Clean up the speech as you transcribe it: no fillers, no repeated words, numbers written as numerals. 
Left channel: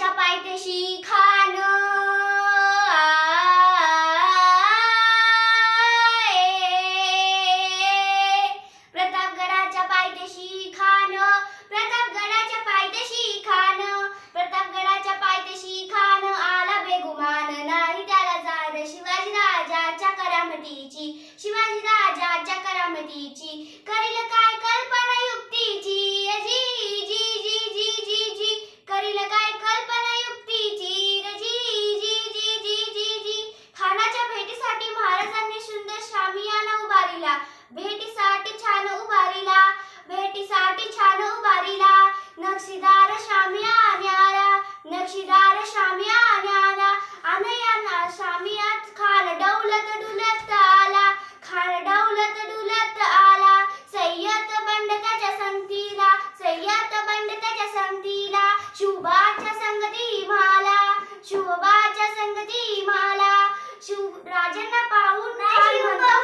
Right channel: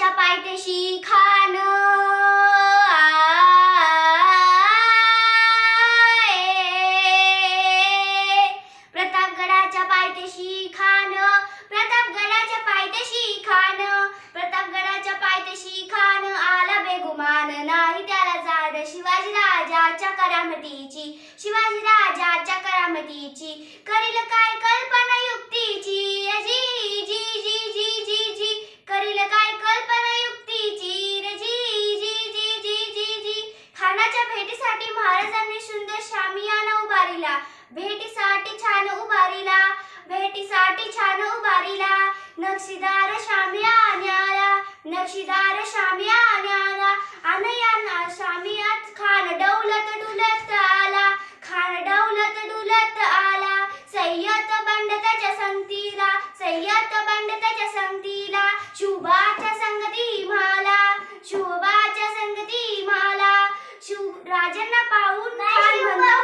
प्रतापगडाच्या पायथ्याशी खान प्रतापगडाच्या पायथ्याशी खान प्रतापगडाच्या पायथ्याशी खान प्रतापगडाच्या पायथ्याशी खान आला बेगुमान नाही त्याला जाण शिवाजी राजाच्या करामतीची शिवाजी राजाच्या करामतीची करील काय कल्पना युक्तीची जी जी जी जी जी जी करील काय कल्पना युक्तीची रे जी जी जी जी जी जी खानाच्या भेटीसाठी महाराजांनी सुंदर शामियाना उभारिला भेटीसाठी छान उभारिला भेटीसाठी छान उभारिला नक्षीदार शामियान्याला नक्षीदार शामियान्याला अनयाना शामियात खान डौलत डुलत आला खान डौलत डुलत आला सय्यद बंड त्याच्या संगतीला सय्यद बंड त्याच्या संगतीला शुभाच्या संगती म्हाला शुभाच्या संगती म्हाला राजांना पाहून खान म्हणतो